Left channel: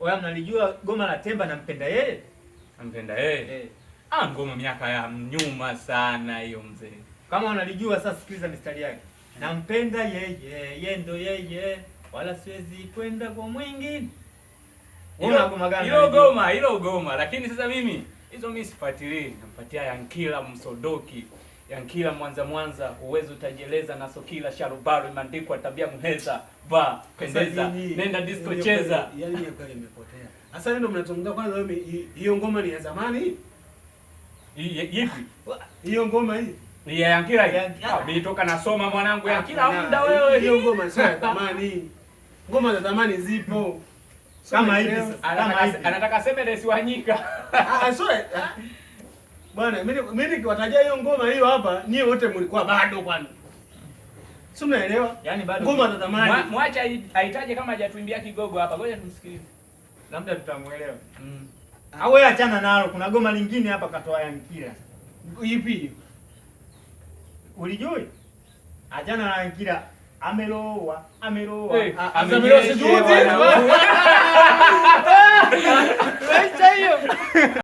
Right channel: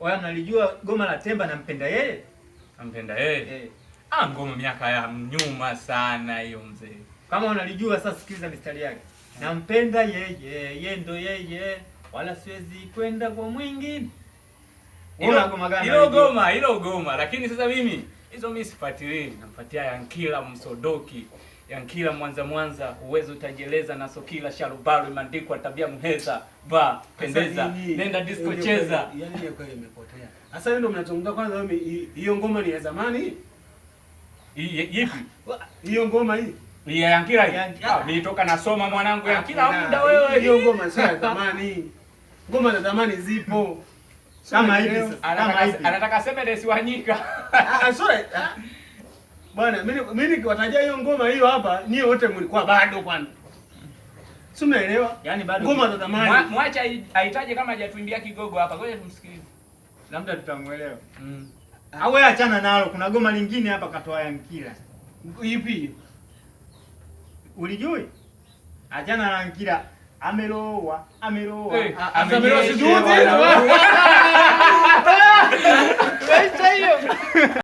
Wewe mnalijua goma la Temba nampenda yeye? Nampenda yeye. Ngoma miaka ya nyuma sana hiyo mzee. Kama unalijua sasa sikiliza mistari yake. Nampenda yeye, yeye ndo yeye, wala siwezi kwenda kwa mwingine. Hilo goma, lakini sasa mimi sifuatilii, nampatia Yankila Msodoki. Yankila Mwanza, uwezo utajeleza na Sokila Sharubaru imeandikwa tabia mheza, ba pendeza, nenda disco cheza. Yaani hiyo kweli imepotea. Sasa ndio mnazungumza kwanza hiyo ngoma ni ya zamani? Ipi? Hiyo ngoma hii. Ya Yankila hii. Nilitoka nasoma mwanangu Yankila muda wewe. Hiyo ngoma sio ya zamani. Ngoma za zamani zipo. Kama hivi sasa. Anataka Semedes Wanyika. Sorry. Bwana, mimi nikiwatajia hiyo ngoma hiyo hapa, nyie wote mlikuwa bado kwani. Si mnaelewa? Yaani bado ngoma za zamani. Mwacha aitaje kama hajatuimbia kigogo hapa. Ngoja tumsikilize. Labda tutamuelewa. Au wewe achana nalo, kuna goma lingine hapa katoa Yankila. Ipi? Ulijui? Achana na Yankila. Ameloa. Ameloa sijui.